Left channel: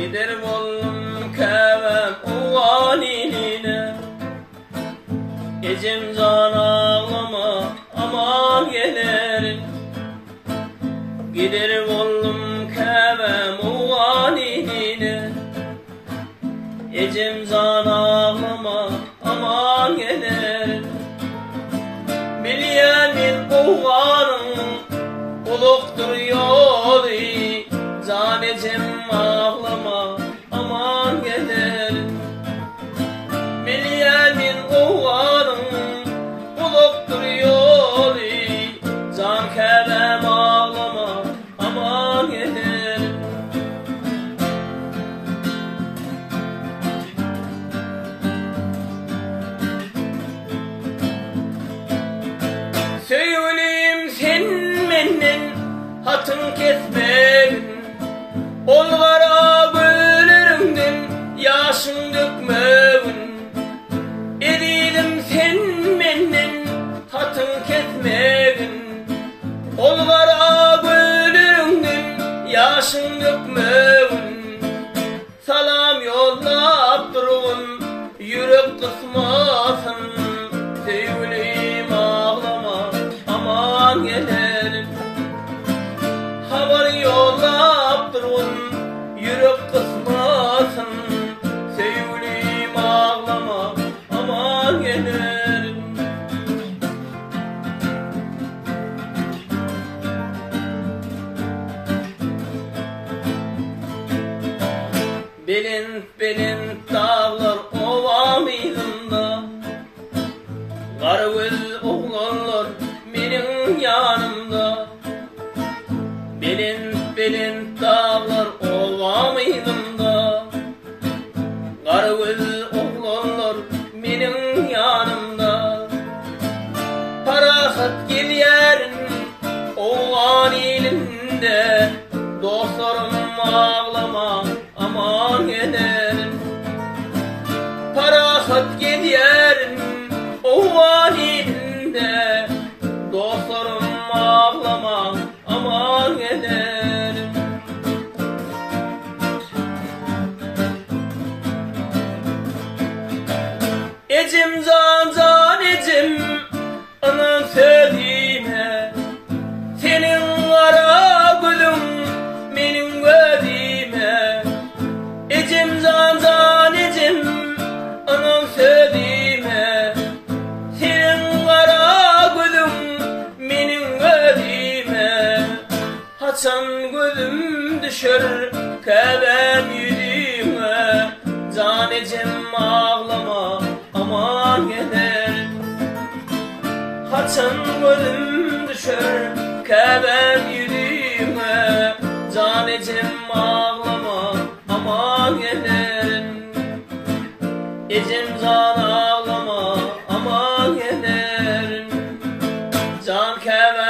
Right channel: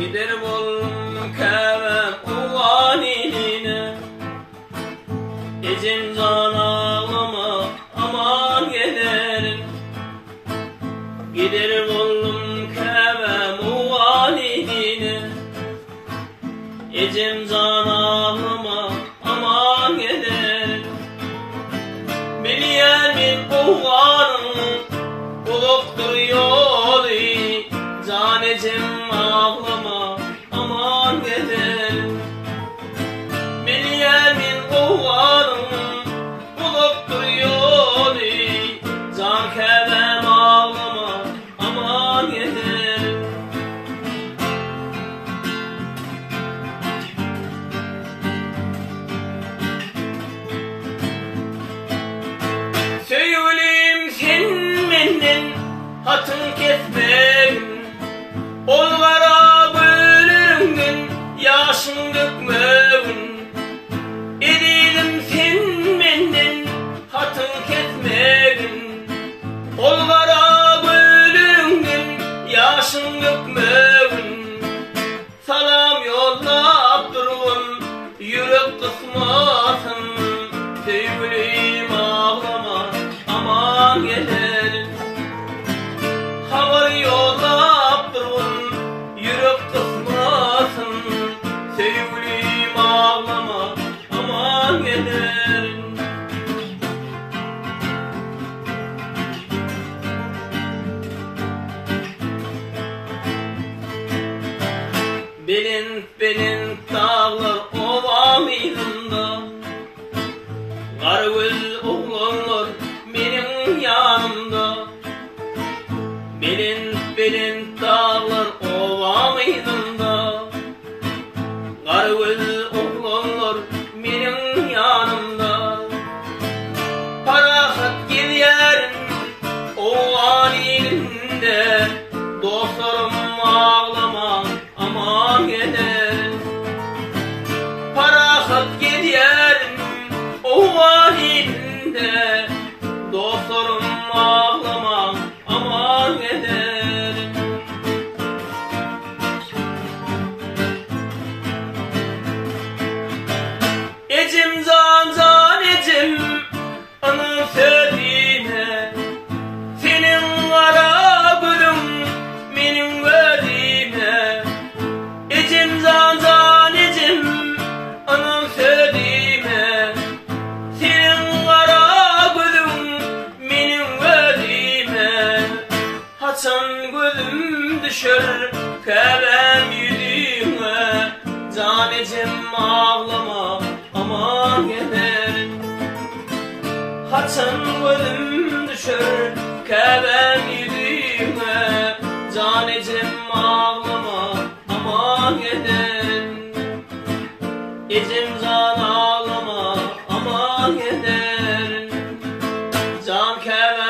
Gider bollum kevem uvan iline, Ecem can ağlama aman gelirim. Gider bollum kevem uvan iline, Ecem can ağlama aman gelirim. Bilyemin uğanın buluktur yolu, Can Ecem ağlama aman gelirim. Bilyemin uğanın buluktur yolu, Can kevem ağlama aman gelirim. Söyleyeyim sen menden hatın kesmem, Olgara gülüründen yaşın dökmevin. Edilim sen menden hatın kesmevin, Olgara gülüründen yaşın dökmevin. Salam yollap durun yürek kısmasın, Sevgilim ağlama aman gelirim. Haber yollap durun yürek kısmasın, Sevgilim ağlama aman gelirim. Belin dağlar ova mıydında, Karagöz oğlanlar benim yanımda. Belin dağlar ova mıydında, Karagöz oğlanlar benim yanımda. Parahat giderim oğlan elinde, Dostlarım ağlama aman gelirim. Parahat giderim oğlan elinde, Dostlarım ağlama aman gelirim. Ecem can Ecem anın sözüne, Senin kara gülüm benim gözüme. Ecem can Ecem anın sözüme, Senin kara gülüm benim gözüme. Haçan gözüm düşer kevem yüzüme, Can Ecem ağlama aman gelirim. Haçan gözüm düşer kevem yüzüme, Can Ecem ağlama aman gelirim. Ecem can ağlama aman gelirim. Can kevem